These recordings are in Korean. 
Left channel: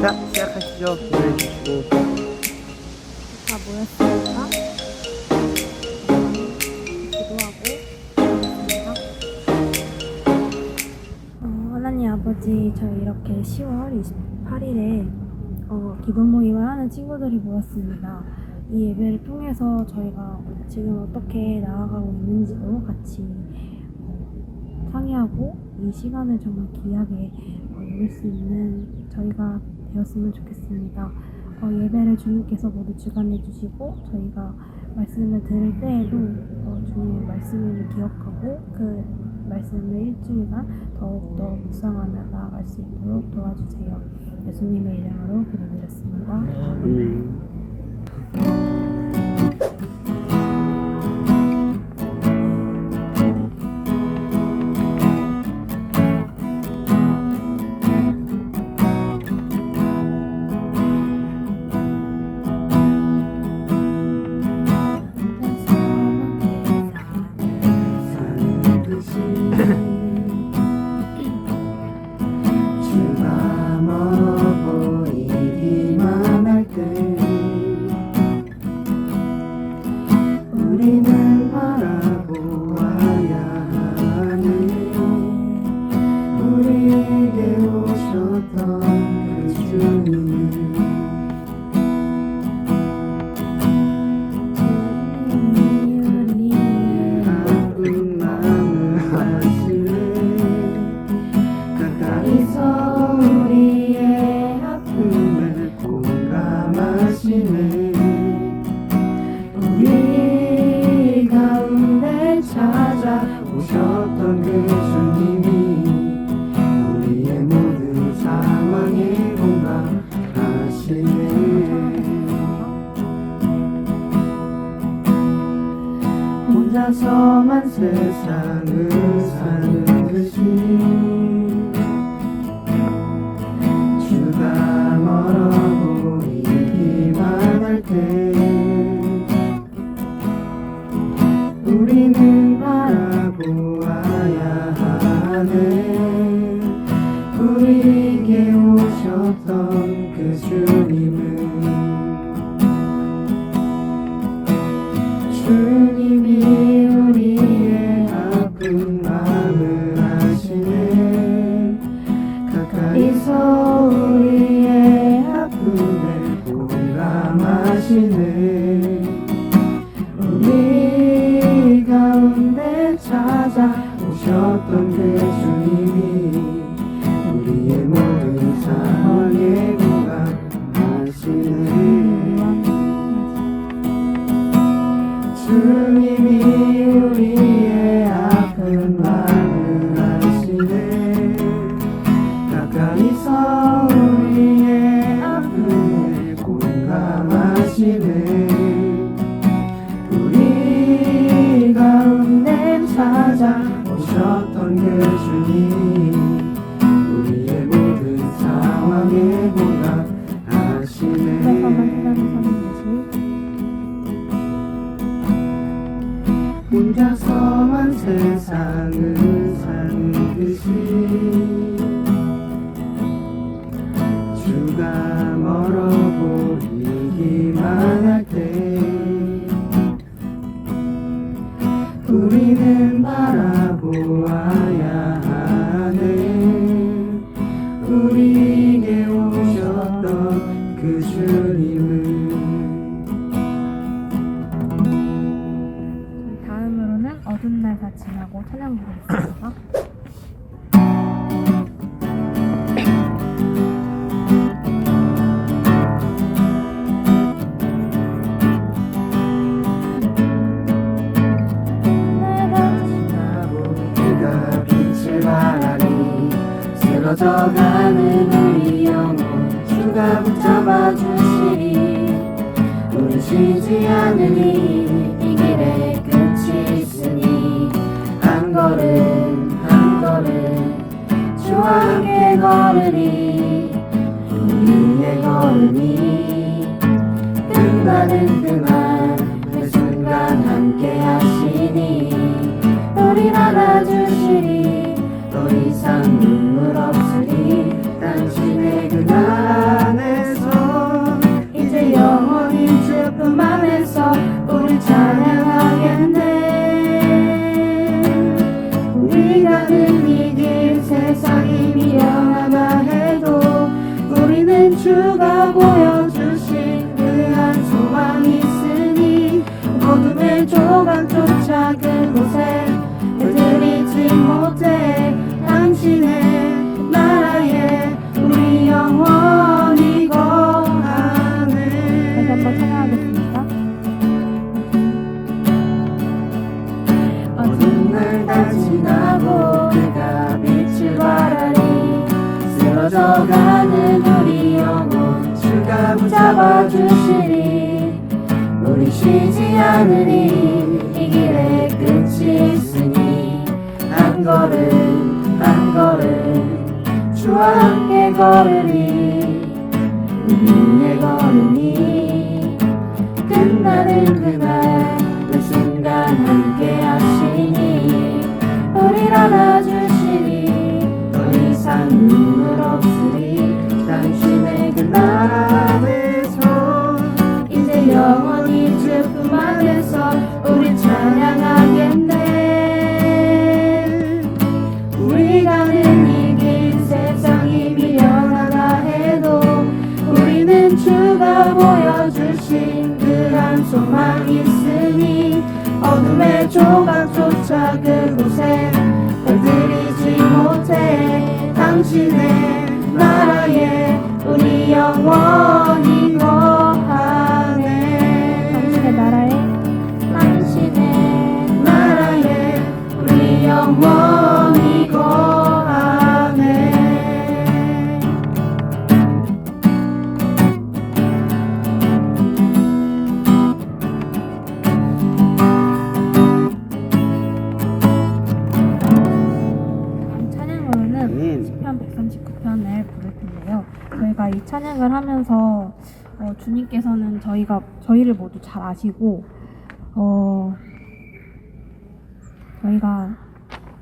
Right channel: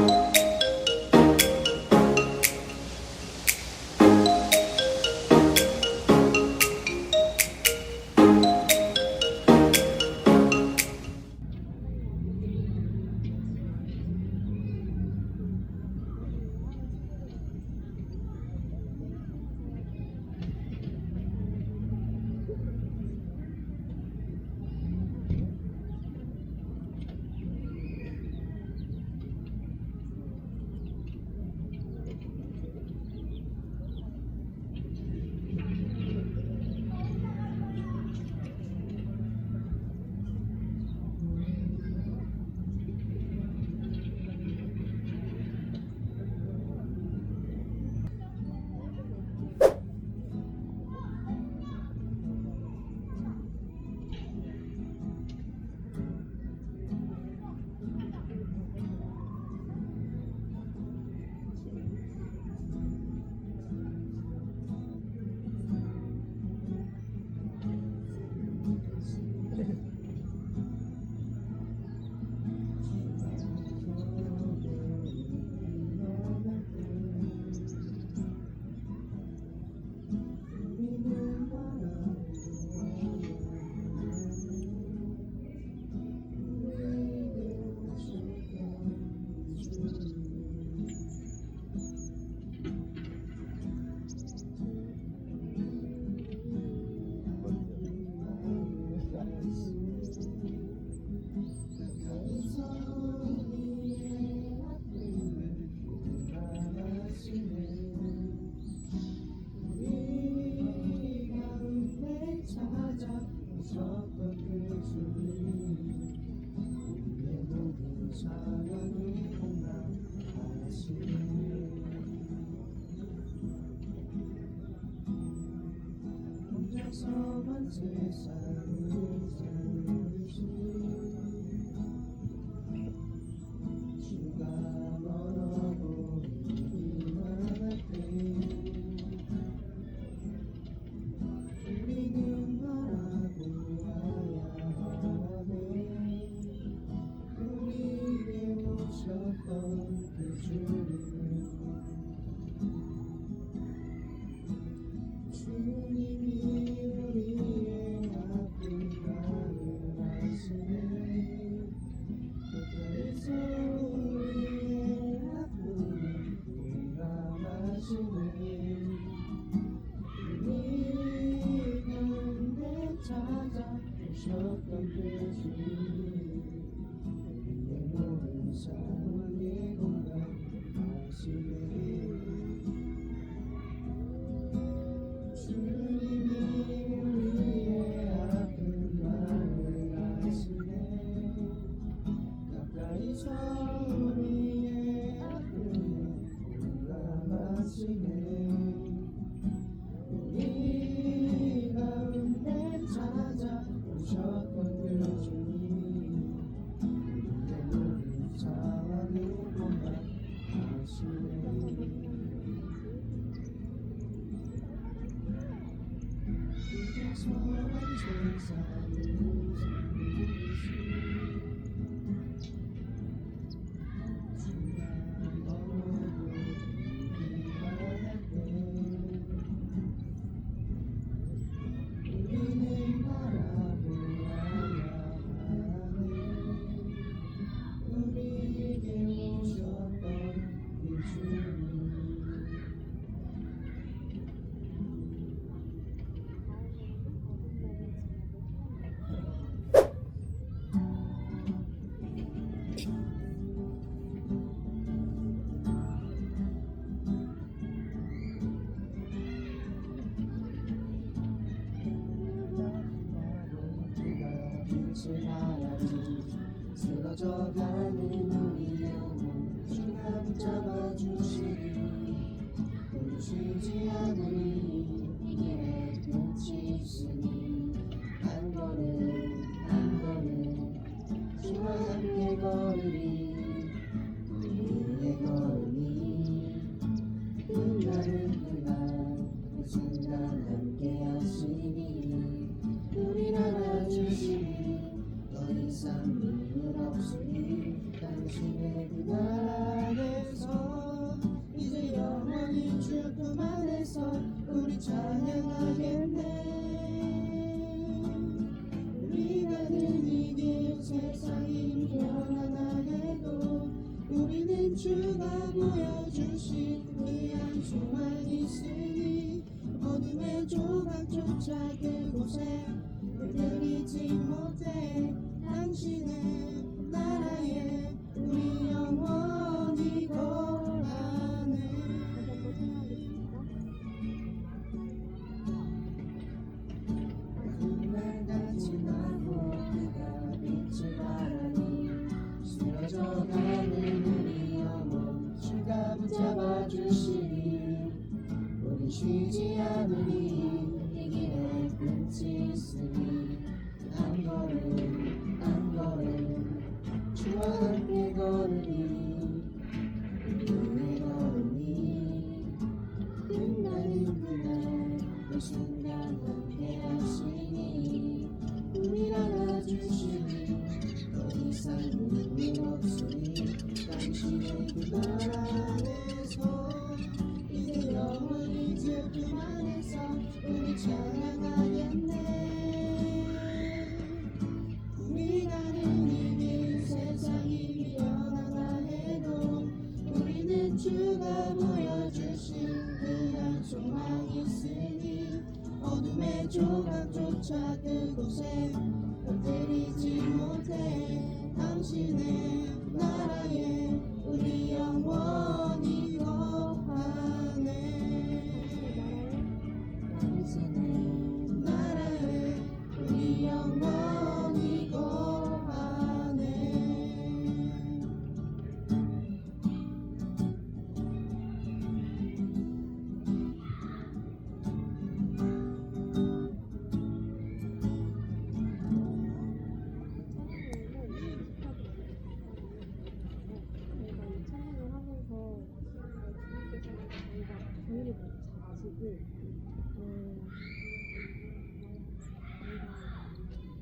자, 시작하시죠. 기도해주시고. 다 모였습니다. 기도하고 하나님 아버지, 저희 이렇게 10월 28일에 기도 모임을 하는 친구들이 모였습니다. 이 예배를 통해서 저희가 지금 어떻게 나아가고 있는지도 같이 상의하고 이 시간을 정말 귀하게 누릴 수 있는 저희가 되었으면 좋겠습니다. 예배를 주님께서 모두 주관해 주시고 저희가 말씀을 들을 때에도 주님의 말씀을 기억하고 그 말씀을 일주일간 더욱더 묵상하며 나아갈 수 있도록 도와주세요. 예수님의 이름으로 기도드렸습니다. 주가 멀어 보이기만 할 때 우리는 바라보아야 하네. 우리에게 오셨던 그 주님을 아픈 마음을 아시네. 가까이서 우리의 아픔을 공감하시네. 우리 가운데 찾아오셨던 그 주님이 우리의 모든 상황에 공감하시네. 혼자서만 세상을 사는 듯이 주가 멀어 보이기만 할 때 우리는 바라보아야 하네. 우리에게 오셨던 그 주님을 주님이 우리의 아픈 마음을 아시네. 가까이서 우리의 아픔을 공감하시네. 우리 가운데 찾아오셨던 그 주님이 우리의 모든 상황에 공감하시네. 주님이 우리의 아픈 마음을 아시네. 가까이서 우리의 아픔을 공감하시네. 우리 가운데 찾아오셨던 그 주님이 우리의 모든 상황에 공감하시네. 혼자서만 세상을 사는 듯이 주가 멀어 보이기만 할 때 우리는 바라보아야 하네. 우리에게 오셨던 그 주님을 다음으로는 어두운 날 다 지나고 찬양 부르겠습니다. 멈추지 않으리. 이 길에 끝이 있으니 한 걸음 한 걸음 주와 함께 걸으리. 우리의 걸음이 끝나는 그날 그 순간 함께 하시니 우리를 안아주시니 더 이상 눈물 없으리. 당신의 그 나라 안에서 이제 영원히 주 품 안에서 우리 찬양하겠네. 우리 가는 이 길 세상이 미련하다 해도 우리는 주가 보여주신 그 한 소망 있으니 어둠의 조각조차 그곳에 걸들이지 못해. 당신의 나라에 우리 영원히 거하네. 당신의 나라에 당신의 나라에 우리 영원히 거하네. 찬양으로는 아멘. 시편 139편을 부를 텐데요. 저희가 이 찬양을 하면서 주님께서는 저희를 모두 잘 아시고 저희가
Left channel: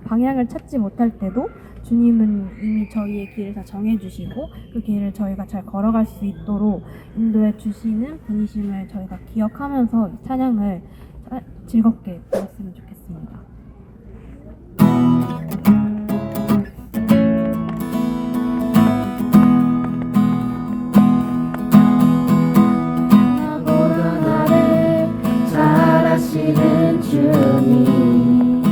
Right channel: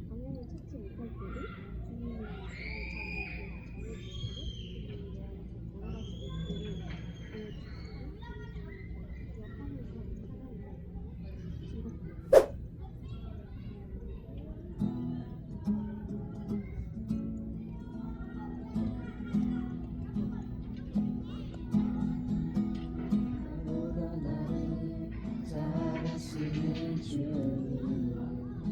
방향을 찾지 못할 때도 주님은 이미 저희의 길을 다 정해주시고 그 길을 저희가 잘 걸어갈 수 있도록 인도해 주시는 분이심을 저희가 기억하면서 이 찬양을 즐겁게 들었으면 좋겠습니다. 나보다 나를 잘 아시는 주님,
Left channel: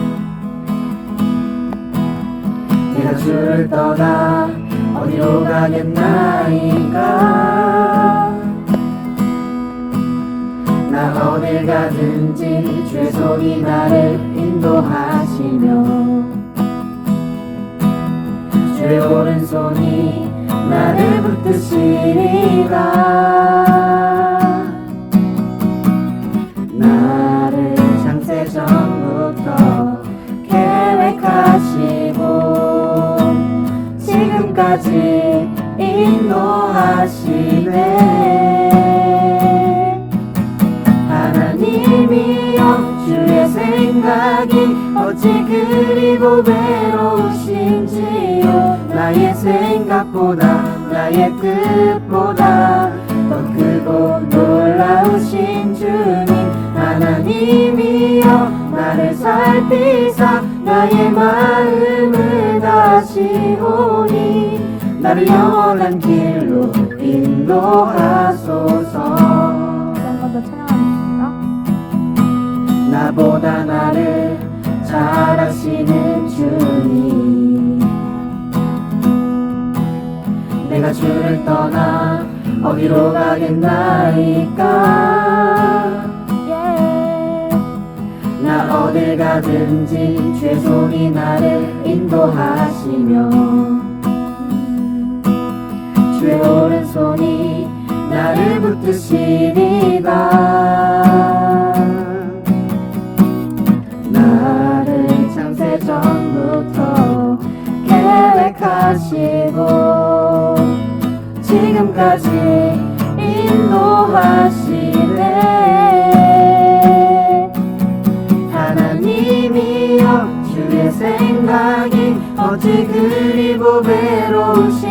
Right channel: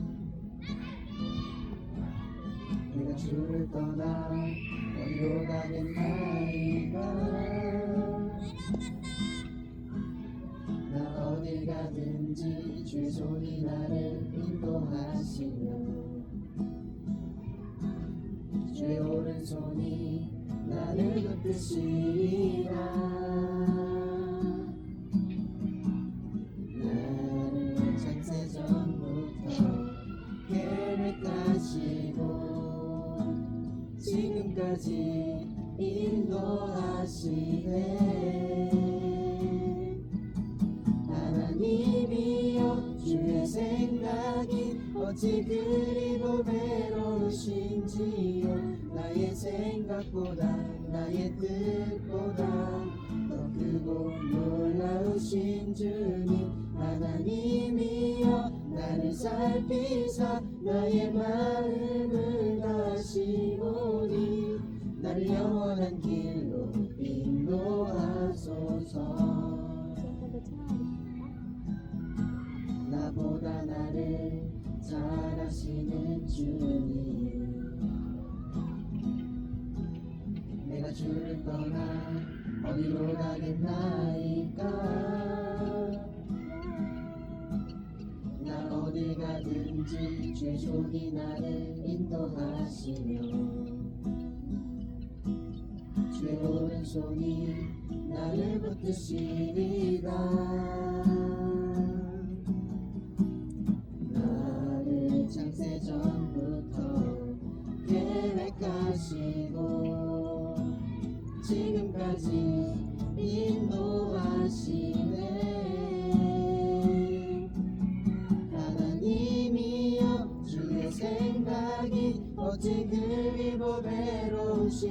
내가 주를 떠나 어디로 가겠나이까. 나 어딜 가든지 주의 손이 나를 인도하시며 주의 오른손이 나를 붙드시리라. 나를 창세전부터 계획하시고 지금까지 인도하시네. 하나님이여 주의 생각이 어찌 그리 고배로우신지요. 나의 생각보다 나의 뜻보다 더 크고 놀라우신 주님. 하나님이여 나를 살피사 나의 마음을 다시오니 나를 영원한 길로 인도하소서. 한 번 더 찬양하겠습니다. 나보다 나를 잘 아시는 주님, 내가 주를 떠나 어디로 가겠나이까. 나 어딜 가든지 주의 손이 나를 인도하시며 주의 오른손이 나를 붙드시리라. 나를 창세전부터 계획하시고 지금까지 인도하시네. 하나님이여 주의 생각이 어찌 그리 고배로우신지요.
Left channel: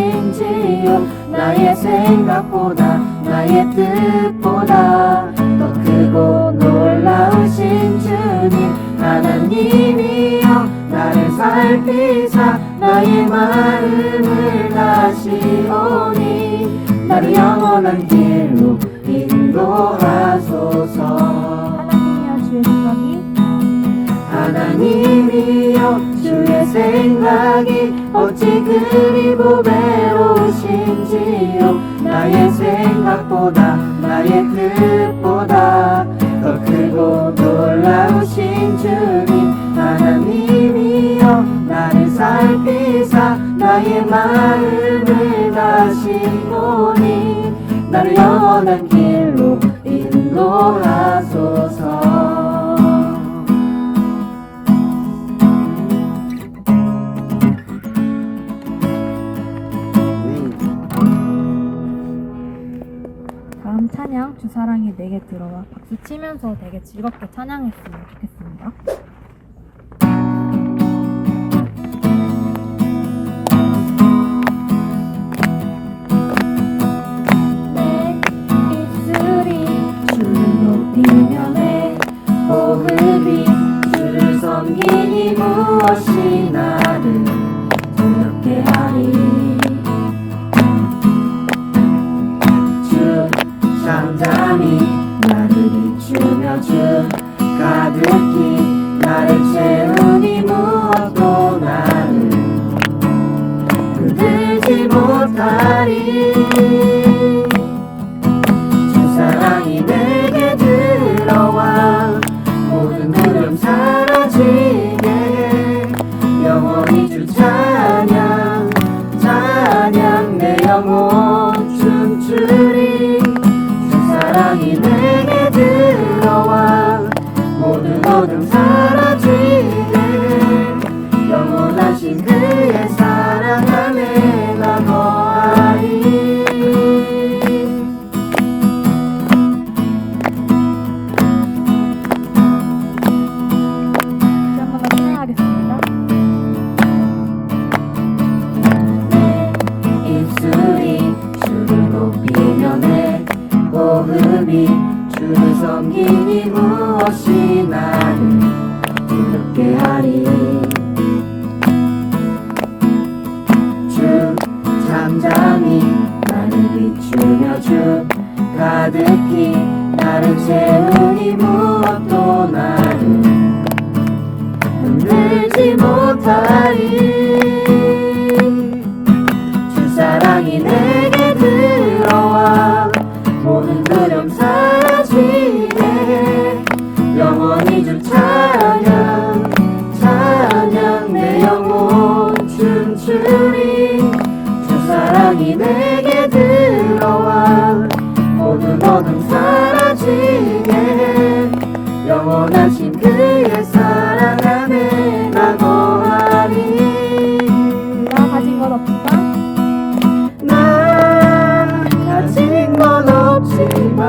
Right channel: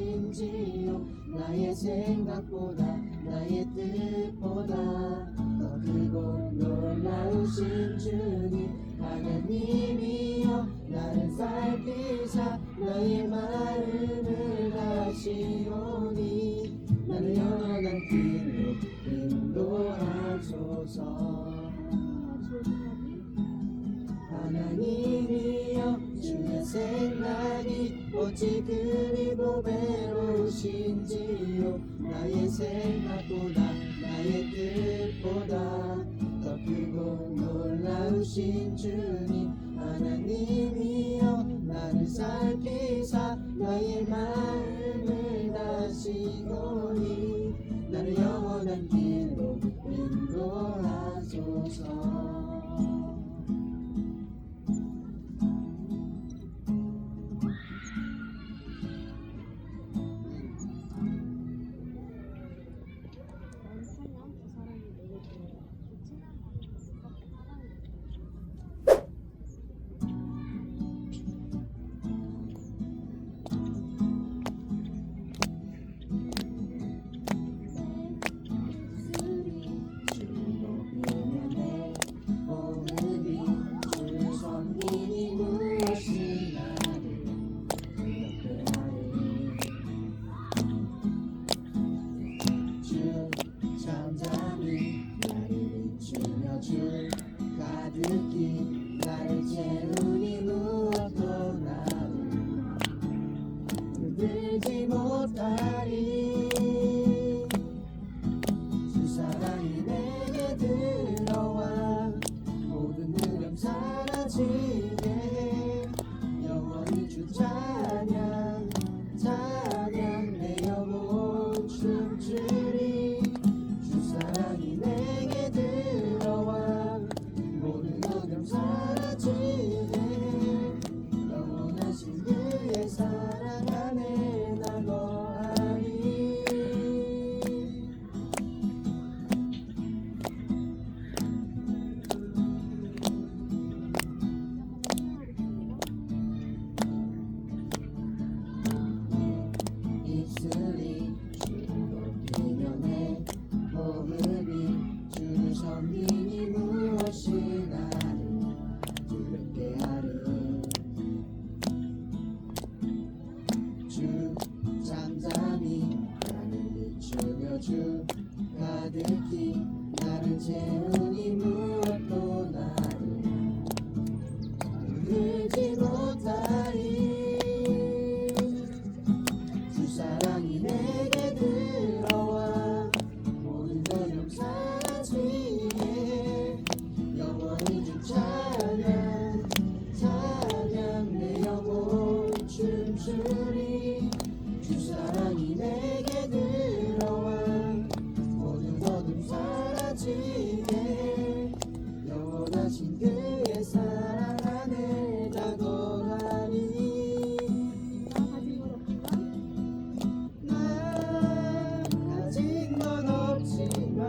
나의 생각보다 나의 뜻보다 더 크고 놀라우신 주님. 하나님이여 나를 살피사 나의 마음을 다시오니 나를 영원한 길로 인도하소서. 하나님이여 주의 생각이 하나님이여 주의 생각이 어찌 그리 고배로우신지요. 나의 생각보다 나의 뜻보다 더 크고 놀라우신 주님. 하나님이여 나를 살피사 나의 마음을 다시오니 나를 영원한 길로 인도하소서. 이번 찬양 주 사랑이 내게 들어와 박수 치면서 되게 즐겁게 찬양했으면 좋겠습니다. 내 입술이 주를 높이며 내 호흡이 주를 섬기니 무엇이 나를 두렵게 하리. 주 잠잠히 나를 비추며 주 가득히 나를 채우니 무엇도 나를 흔들지 못하리. 주 사랑이 내게 들어와 모든 두려움 사라지게 해. 영원히 주 찬양 찬양 내 영혼 춤추리. 주 사랑이 내게 들어와 모든 어둠 사라지게 해. 영원하신 그의 사랑 안에 나 거하리. 다시 한번 더 찬양하겠습니다. 내 입술이 주를 높이며 내 호흡이 주를 섬기니 무엇이 나를 두렵게 하리. 주 잠잠히 나를 비추며 주 가득히 나를 채우니 무엇도 나를 흔들지 못하리. 주 사랑이 내게 들어와 모든 두려움 사라지게 해. 영원히 주 찬양 찬양 내 영혼 춤추리. 주 사랑이 내게 들어와 모든 어둠 사라지게 해. 영원하신 그의 사랑 안에 나 거하리. 나 가진 것 없지만 나 가진 건 없지만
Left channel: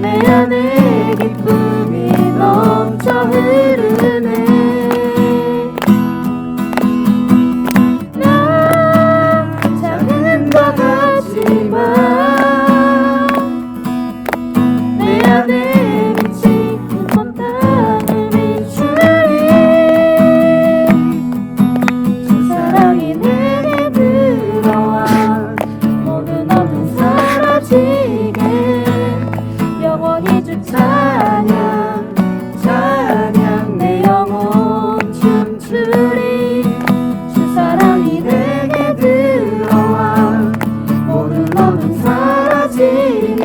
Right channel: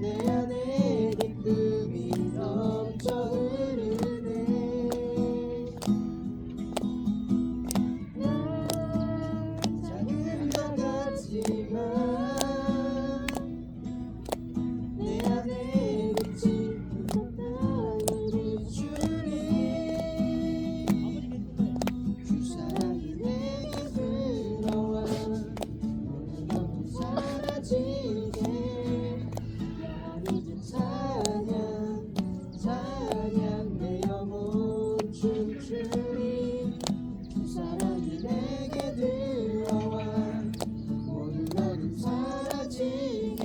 내 안에 기쁨이 넘쳐 흐르네. 나 작은 것 같지만 내 안에 빛이 온 땅을 비추리. 주 사랑이 내게 들어와 모든 어둠 사라지게 영원히 주 찬양 찬양 내 영혼 춤추리. 주 사랑이 내게 들어와 모든 어둠 사라지게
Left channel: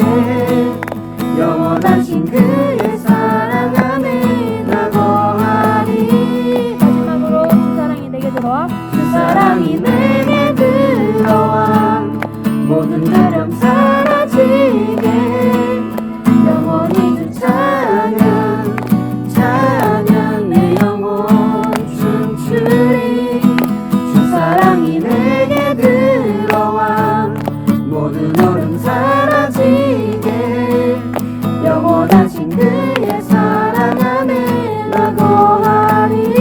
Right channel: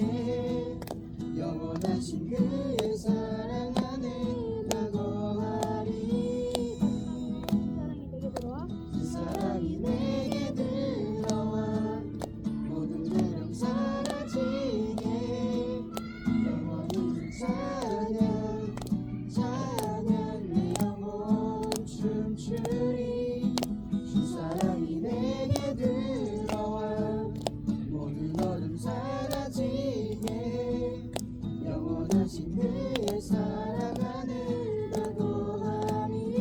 영원하신 그의 사랑 안에 나 거하리. 마지막으로 주 사랑이 내게 들어와 주 사랑이 내게 들어와 모든 두려움 사라지게 영원히 주 찬양 찬양 내 영혼 춤추리. 주 사랑이 내게 들어와 모든 어둠 사라지게 영원하신 그의 사랑 안에 나 거하리.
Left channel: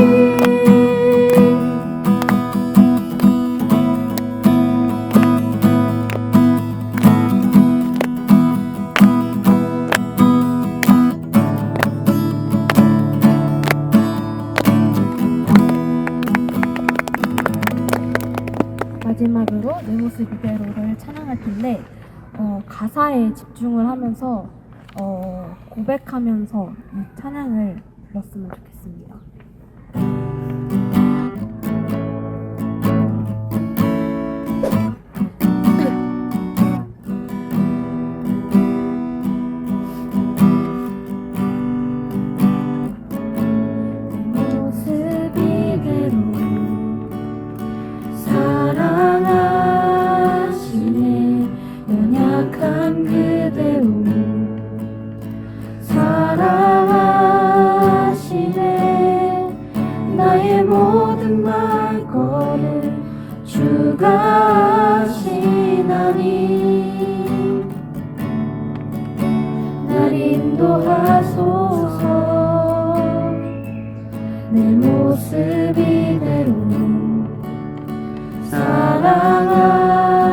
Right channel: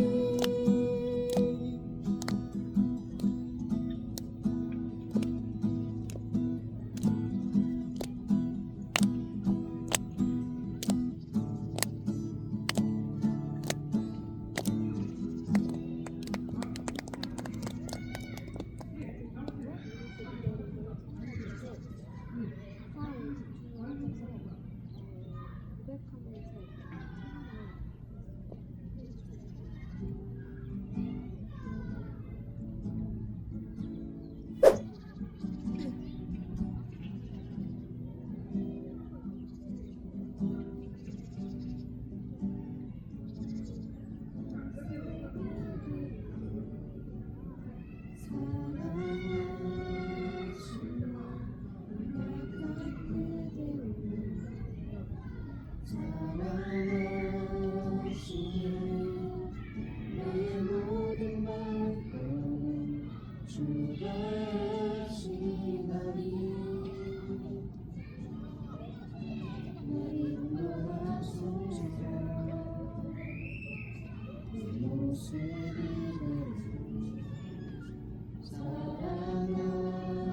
마지막으로 내 모습 이대로를 찬양할 텐데 가사에 집중을 하면서 고백하면서 이 찬양을 불렀으면 좋겠습니다. 내 모습 이대로 사랑하시네. 연약한 그대로 사랑하시네.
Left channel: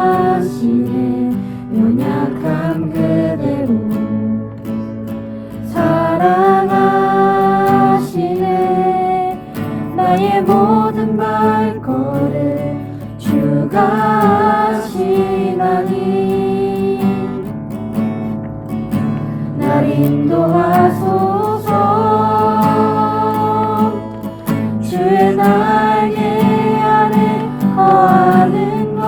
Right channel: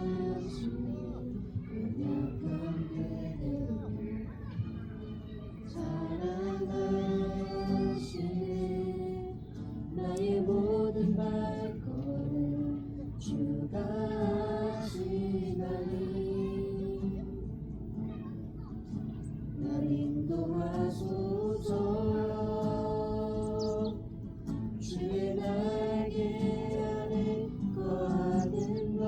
사랑하시네 연약한 그대로 사랑하시네 나의 모든 발걸음 주가 하시나니 날 인도하소서 주의 날개 아래 거하는 것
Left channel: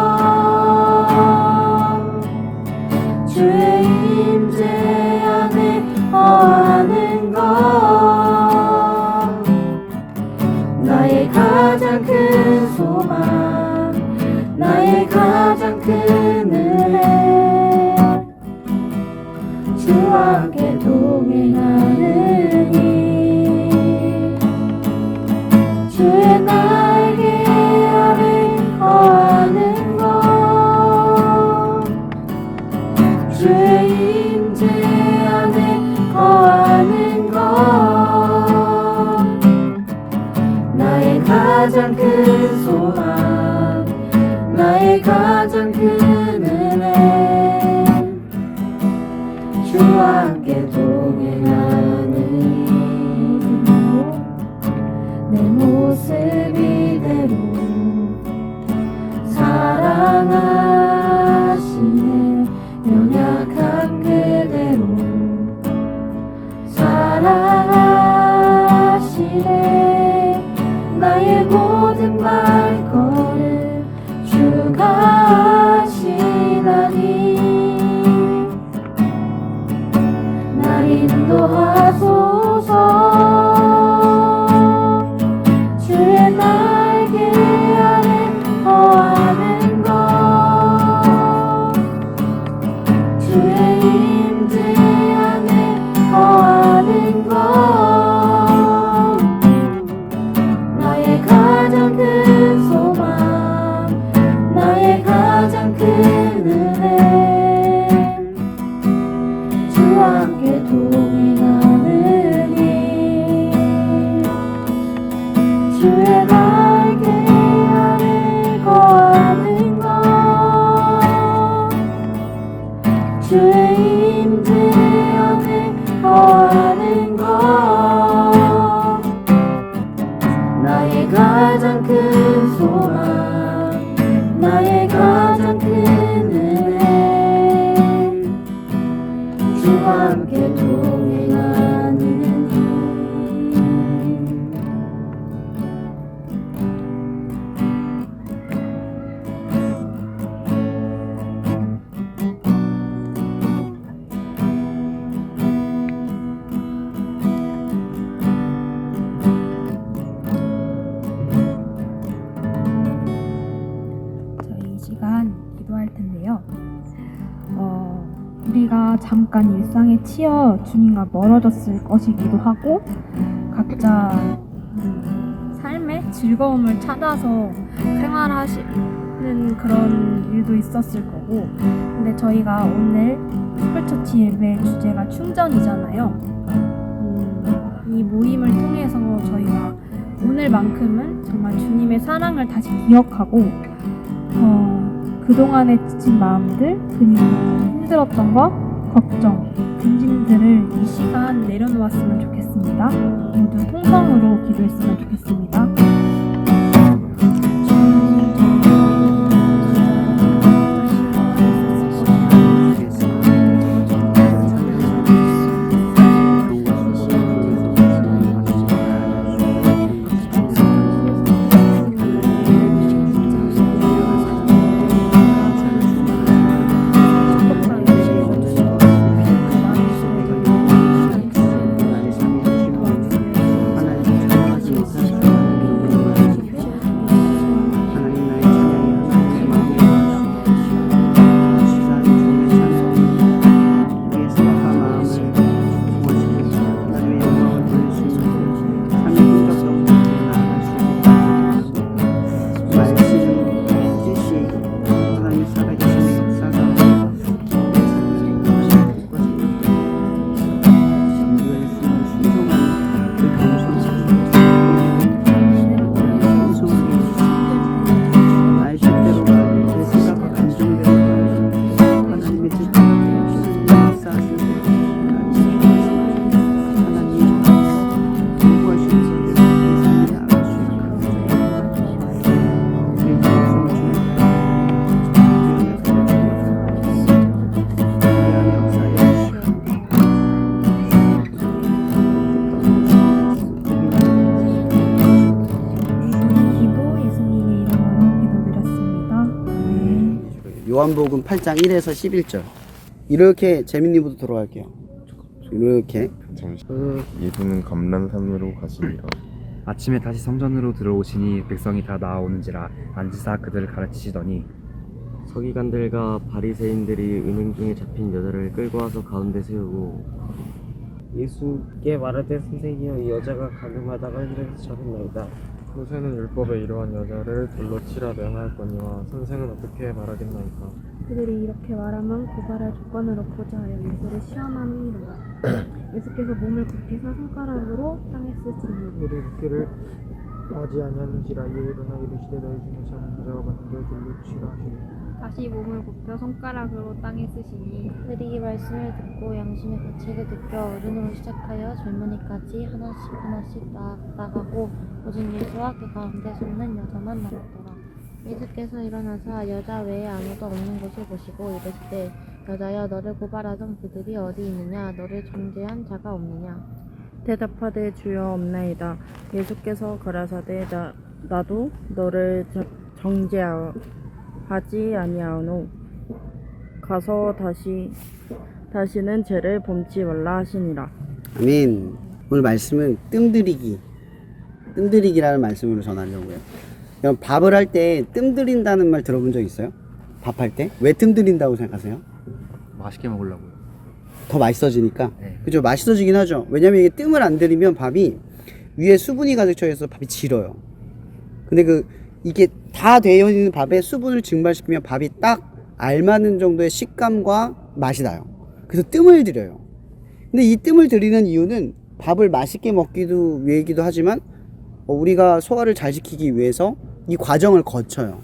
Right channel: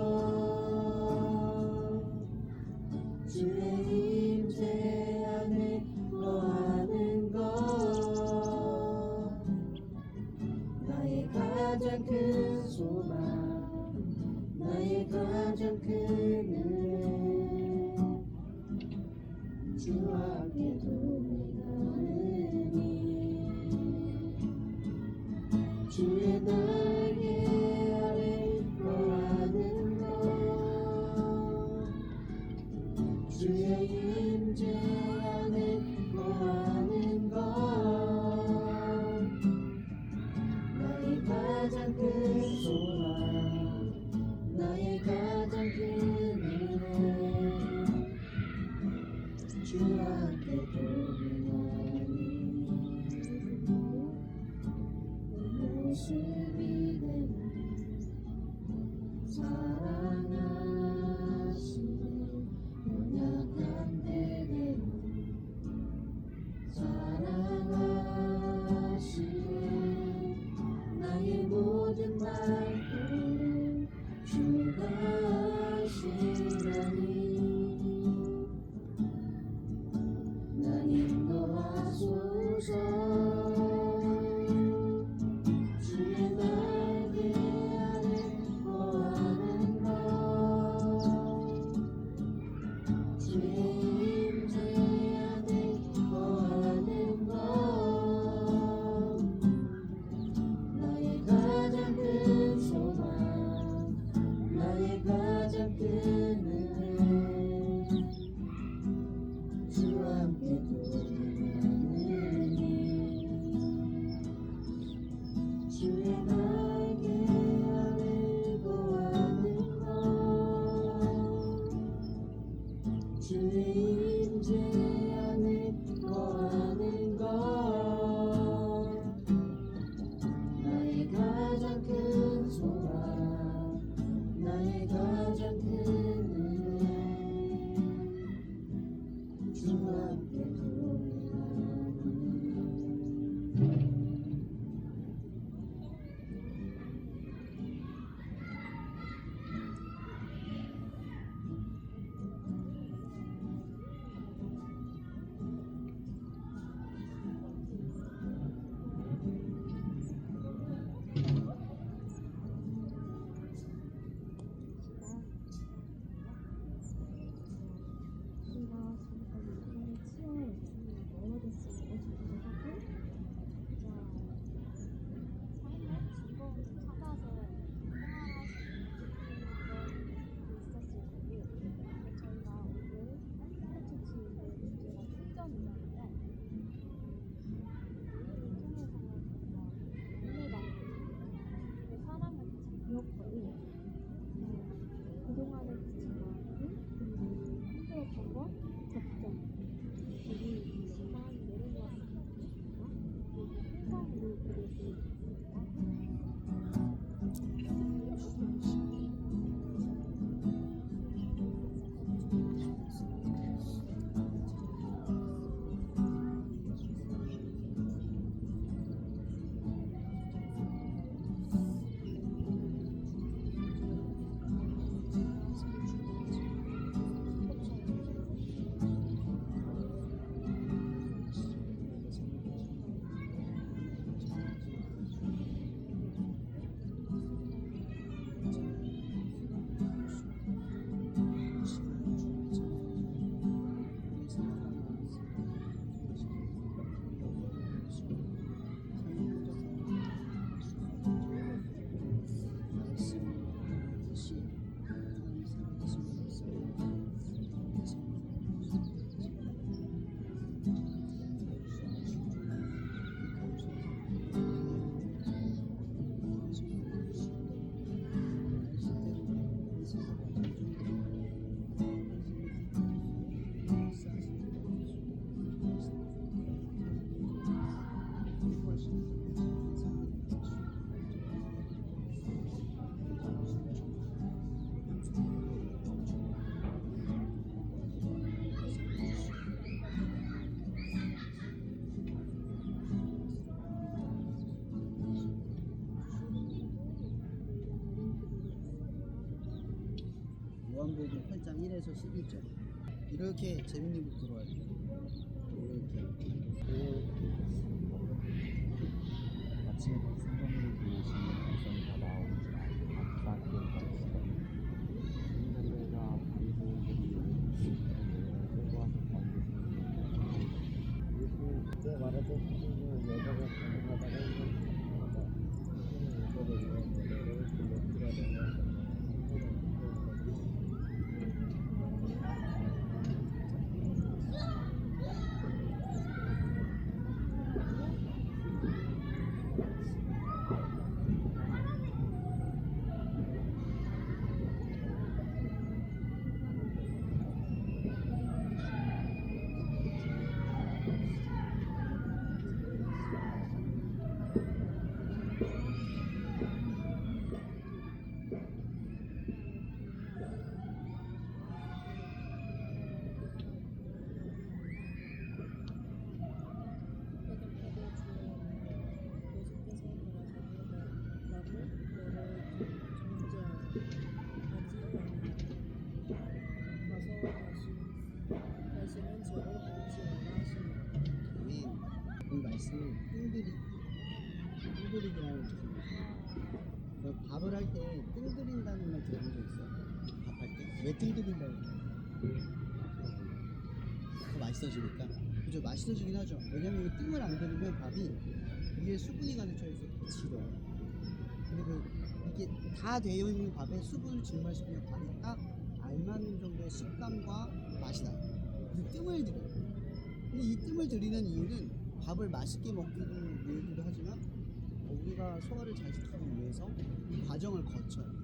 주의 임재 안에 거하는 것 나의 가장 큰 소망 나의 가장 큰 은혜 주와 함께 동행하느니 주의 날개 아래 거하는 것 주의 임재 안에 거하는 것 나의 가장 큰 소망 나의 가장 큰 은혜 주와 함께 동행하느니 내 모습 이대로 사랑하시네 연약한 그대로 사랑하시네 나의 모든 발걸음 주가 하시나니 날 인도하소서 주의 날개 아래 거하는 것 주의 임재 안에 거하는 것 나의 가장 큰 소망 나의 가장 큰 은혜 주와 함께 동행하느니 주의 날개 아래 거하는 것 주의 임재 안에 거하는 것 나의 가장 큰 소망 나의 가장 큰 은혜 주와 함께 동행하느니 저희 이 시간 기도할 텐데요. 우리가 잠깐 일상에 치여 주님과 멀어졌을 것이기도 하고 각자 삶의 즐거움을 찾아서 생활하시는 그런 일도 있었을 거고 근데 저희가 오늘 스쿨처치 예배 주제가 충전이잖아요. 이 모임을 통해서 저희가 오늘만큼은 정말 주님의 사랑을 다시 기억하고 그동안에 지친 마음들 그리고 힘들었던 것, 걱정, 근심들을 이 시간 내려놓았으면 좋겠습니다. 모두 통성으로 기도했으면 좋겠습니다. 요한복음 8장 1에서 11절. 이렇게 재민님부터 들어갈게요. 이렇게. 잠시 예수는 감람산으로 가시니라. 아침에 다시 성전으로 들어오시니 백성이 다 나아오는지라 앉으사 그들을 가르치시더니 서기관들과 바리새인들이 은행 중에 잡힌 여자를 끌고 와서 가운데 세우고 예수께 말하되 선생이여 이 여자가 가늠하다가 힘들어서 저렸나이다. 모세는 율법에 이러한 여자를 돌로 치라 명하였거니와 선생은 어떻게 말하겠나이까. 그들이 이렇게 말하면 고발할 조건을 얻고자 하여 예수를 시험함이라. 예수께서 몸을 굽히사 손가락으로 땅에 쓰시니 우리 붓기를 하지 아니하는지라 이에 일어나 이르시되 너희 중에 자는 자가 봤는데 돌로 치라. 다시 몸을 굽혀 손가락으로 땅에 쓰시니 그들이 이 말씀을 듣고 양심의 가치를 느껴 어른으로 시작하여 젊은이까지 하나씩 나가고 오직 예수와 그 가운데 섰는 여자만 남았더라. 예수께서 일어나사 여자 외에 아무도 없는 곳을 보시고 이르시되 여자여 너를 고발하던 그들이 어디 있느냐 너를 정죄한 자가 없느냐. 대답하되 주여 없나이다. 예수께서 가라사대 나도 너를 정죄하지 아니하노. 가서 다시는 죄를 범치 말라 하시니라. 아멘. 오늘 말씀은 뜸들이기라는 말씀으로 전하려고요. 그럼 밥을 할 때 뜸들인다는 말 들어본 적 있어요? 밥할 때? 왜 뜸들인다고 생각하세요? 맛있게 먹으려고요. 더 맛있어지니까. 네. 그죠? 맛있어지긴 하죠. 왜냐면 이게 뜸을 안 들이면 밥이 위에 수분이 가득 차 있어서 밥이 질어요. 근데 이게 다 되어 있는 밥에 수분을 증발시키면 밥이 딱 알맞는 정도의 식감과 맛이 나요. 그래서 뜸을 들여요. 근데 이 뜸을 들이는 이유는 밥을 맛있게 먹기도 위해이기도 하지만 우리가 소화를 잘 시키기 위해서 이 과정을 거쳐요.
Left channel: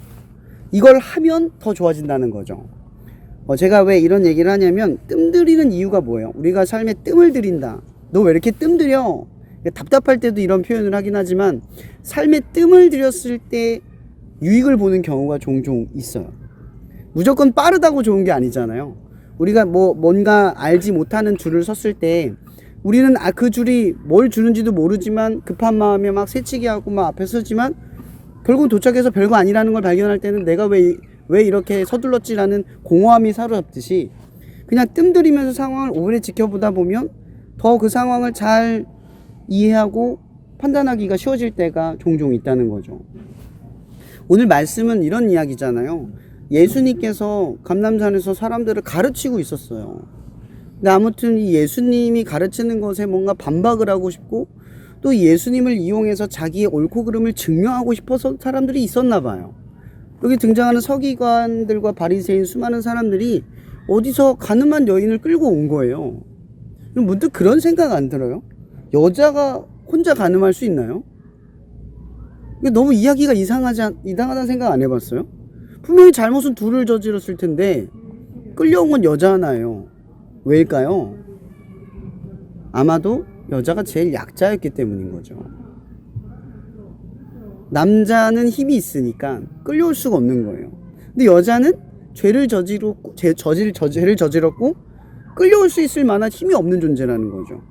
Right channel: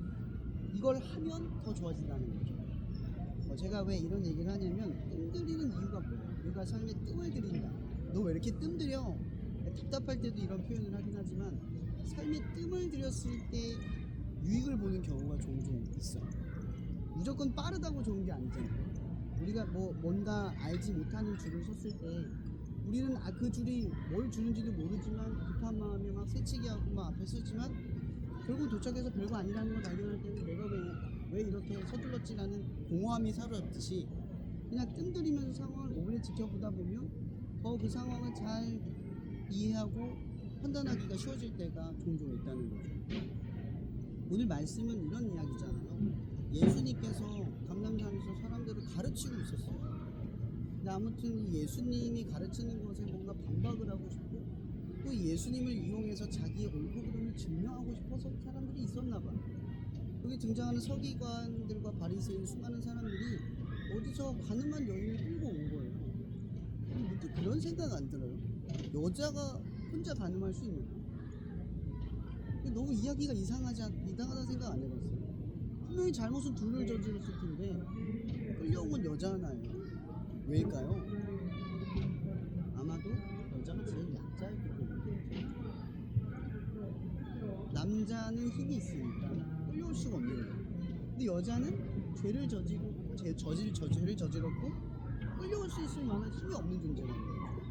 이걸 하면 더 좋아진다는 거죠. 제가 왜 이런 얘기를 하냐면 뜸 들이는 이유가 뭐예요? 우리가 삶에 뜸을 들인다. 너 왜 이렇게 뜸 들여? 답답할 때도 이런 표현을 하긴 하지만 삶에 뜸을 들였을 때 유익을 보는 경우가 종종 있어요. 무조건 빠르다고 좋은 게 아니잖아요. 우리가 뭔가 알지 못하는 줄을 섰을 때 우리는 그 줄이 뭘 주는지도 모르지만 급한 마음에 막 새치기 하고 막 앞에 서지만 결국 도착해서 별거 아니라는 걸 발견할 때는 내가 왜 이렇게 서둘렀지라는 공허함이 사로잡듯이 그냥 뜸들이면서 상황을 오래 지켜보다 보면 더 그 상황을 잘 이해하고 판단하기가 쉬워질 때가 종종 있다는 거죠. 오늘 말씀은 이런 이야기잖아요. 예수님께서 감람산에서 사람들을 가르치고 있었어요. 근데 아무튼 이 예수님이 가르치는 것에 뭔가 반박을 하고 싶고 또 예수님을 이용해서 자기의 옳고 그름을 증명하고 싶어서 사람들이 있었나 봐요. 여기 등장하는 서기관들과 바리새인 수많은 사람들이 어디서 가늠한 여인을 끌고 온 거예요. 문득 그런 생각 안 들어요? 여자가 혼자 가늠할 수 있나요? 너무 이야기가 이상하다는 생각 안 해봤어요? 분명히 잘못은 둘을 저질렀을 텐데 끌려온 건 여자 하나예요. 왜일까요? 아마도 여자가 제일 약자였기 때문인 거죠. 남자는 힘이 있으니까 끌려올 수가 없는 거예요. 근데 여자는 죄를 저질렀고 끌려올 수 있을 만한 힘이 없는 존재라는 거죠.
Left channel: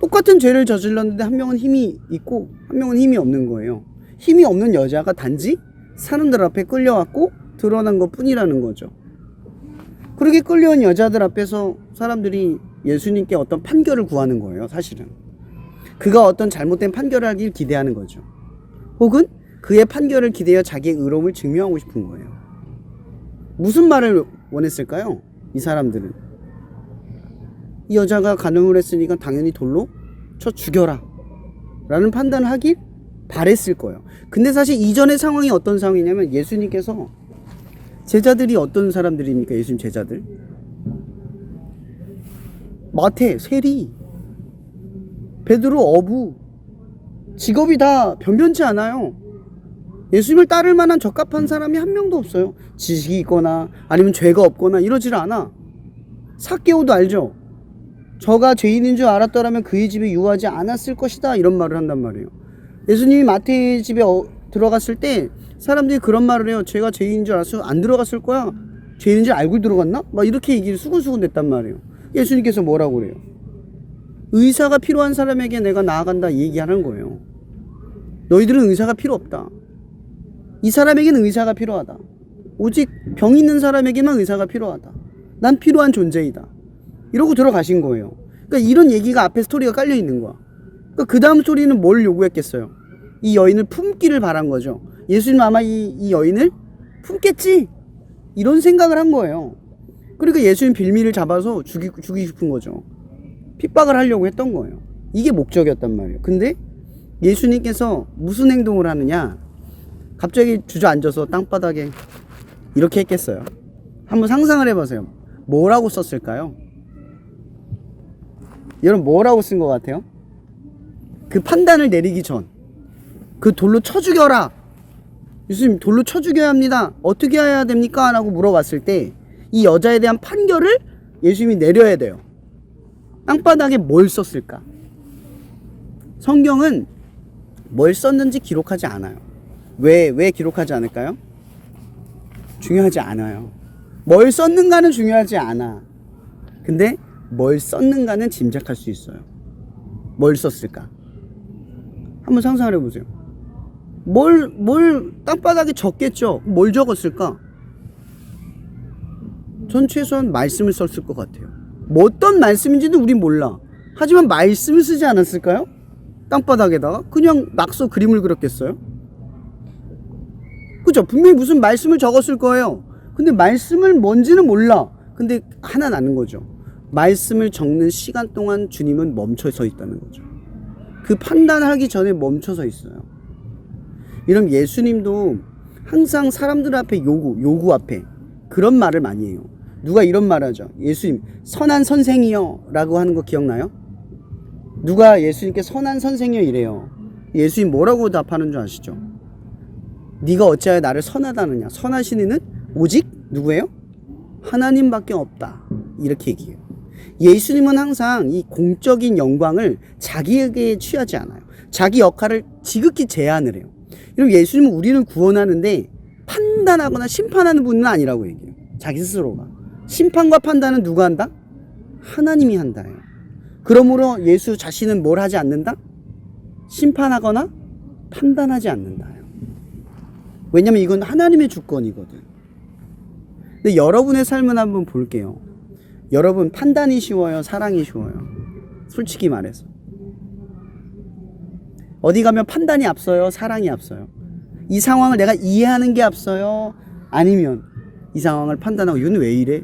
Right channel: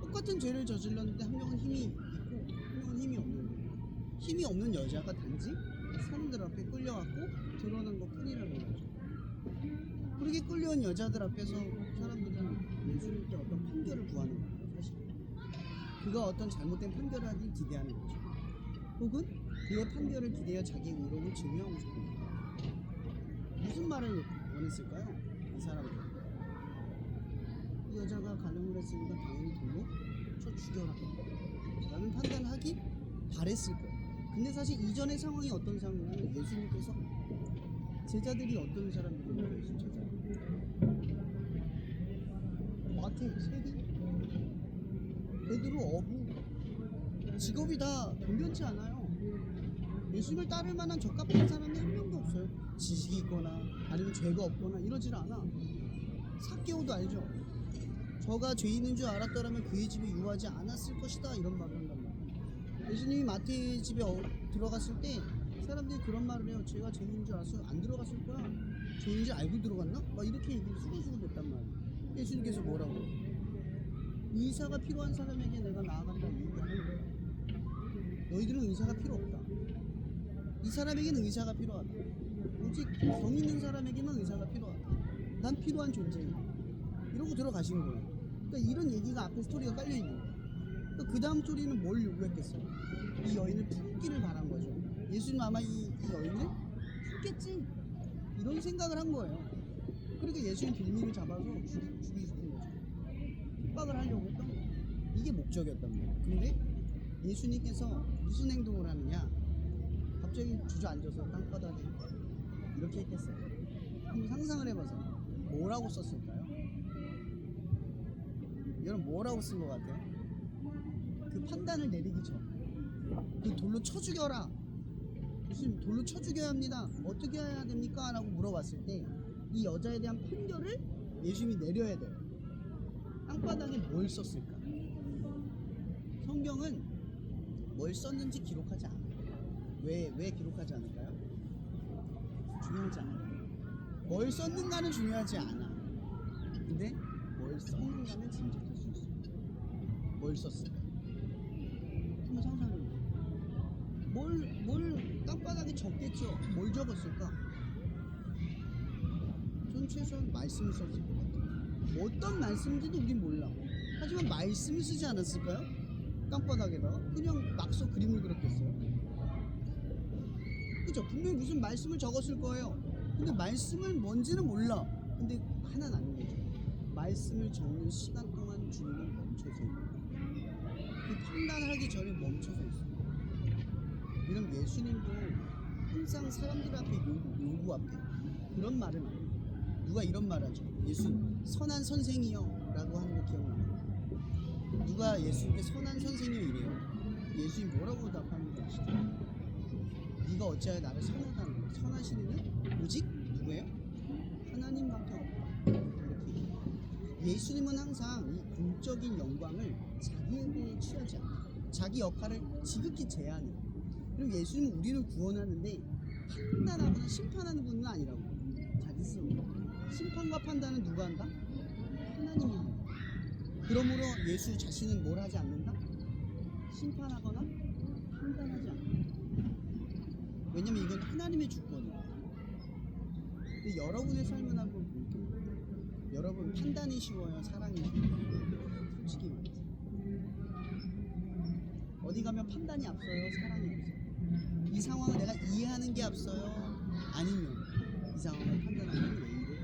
똑같은 죄를 저질렀는데 한 명은 힘이 있고 한 명은 힘이 없는 거예요. 힘이 없는 여자가 단지 사람들 앞에 끌려왔고 드러난 것 뿐이라는 거죠. 그렇게 끌려온 여자들 앞에서 사람들이 예수님께 어떤 판결을 구하는 거예요. 사실은 그가 어떤 잘못된 판결을 하길 기대하는 거죠. 혹은 그의 판결을 기대어 자기의 의로움을 증명하고 싶은 거예요. 무슨 말을 원했을까요? 이 사람들은 이 여자가 간음을 했으니까 당연히 돌로 쳐 죽여라 라는 판단을 하길 바랬을 거예요. 근데 사실 이전의 상황이 어떤 상황이냐면 예수님께서 제자들이 어떤 사람들입니까? 예수님 제자들 마태, 세리, 베드로, 어부 직업이 다 변변치 않아요. 예수님을 따를 만한 적합한 사람이 한 명도 없어요. 지식이 있거나 아니면 죄가 없거나 이러질 않아. 삭개오도 알죠? 저가 죄인인 줄 알았더라면 그의 집에 유하지 않았을 것이다 이런 말을 한단 말이에요. 예수님이 마태의 집에 들어갔을 때 사람들이 그런 말을 해요. 제가 죄인인 줄 알았어 안 들어갔을 거야. 죄인인 줄 알고 들어갔나? 막 이렇게 얘기를 수근수근 냈단 말이에요. 예수님께서 뭐라고 그래요? 의사가 필요한 사람에게 내가 나아간다 얘기하는 거예요. 너희들은 의사가 필요 없다. 이 사람에게는 의사가 필요하다. 오직 병 있는 사람에게만 의사가 필요하다. 난 필요한 존재이다. 이러고 들어가신 거예요. 그러니까 이런 얘기가 앞에 스토리가 깔려 있는 거야. 그러니까 그 다음 스토리는 뭘 요구했겠어요? 이 여인을 품기를 바란 거죠. 예수님 아마 이 여인을 품겠지? 이런 생각을 한 거예요. 그러니까 예수님 빌미를 잡아서 죽이고 싶은 거죠. 핍박을 하려고 했던 거예요. 이게 목적이었단 말이에요. 근데 예수님께서 무슨 행동을 하느냐? 갑자기 주저앉아서 땅바닥에 이렇게 했겠어요? 한번 상상을 해보세요. 뭐라고 썼을까요? 여러분 뭐라고 쓴 것 같아요? 그 판단을 내리기 전 그 돌로 쳐 죽여라. 예수님 돌로 쳐 죽여야 합니다. 어떻게 해야 됩니까? 라고 물어봤을 때 이 여자에 대한 판결을 예수님이 내려야 돼요. 땅바닥에 뭘 썼을까? 성경은 뭘 썼는지 기록하지 않아요. 왜 기록하지 않을까요? 중요하지 않아요. 뭘 썼는가는 중요하지 않아. 근데 뭘 썼는가는 짐작할 수 있어요. 뭘 썼을까? 한번 상상을 해보세요. 뭘 땅바닥에 적겠죠? 뭘 적었을까? 전 최소한 말씀을 썼을 것 같아요. 뭐 어떤 말씀인지는 우린 몰라. 하지만 말씀을 쓰지 않았을까요? 땅바닥에다가 그냥 낙서 그림을 그렸겠어요? 그죠? 분명히 무슨 말씀을 적었을 거예요. 근데 말씀을 뭔지는 몰라. 근데 하나 나는 거죠. 말씀을 적는 시간 동안 주님은 멈춰 서 있다는 거죠. 그 판단하기 전에 멈춰 서 있어요. 이런 예수님도 항상 사람들 앞에 요구 앞에 그런 말을 많이 해요. 누가 이런 말 하죠. 예수님 선한 선생이요 라고 하는 거 기억나요? 누가 예수님께 선한 선생이요 이래요. 예수님 뭐라고 답하는 줄 아시죠? 네가 어찌하여 나를 선하다느냐. 선하신 이는 오직 누구예요? 하나님밖에 없다. 이렇게 얘기해요. 예수님은 항상 이 공적인 영광을 자기에게 취하지 않아요. 자기 역할을 지극히 제한을 해요. 그리고 예수님은 우리를 구원하는데 판단하거나 심판하는 분은 아니라고 얘기해요. 자기 스스로가. 심판과 판단은 누가 한다? 하나님이 한다예요. 그러므로 예수 자신은 뭘 하지 않는다? 심판하거나 판단하지 않는다예요. 왜냐면 이건 하나님의 주권이거든. 근데 여러분의 삶은 한번 볼게요. 여러분 판단이 쉬워요? 사랑이 쉬워요? 솔직히 말해서. 어디 가면 판단이 앞서요? 사랑이 앞서요? 이 상황을 내가 이해하는 게 앞서요? 아니면 이 상황을 판단하고 이건 왜 이래?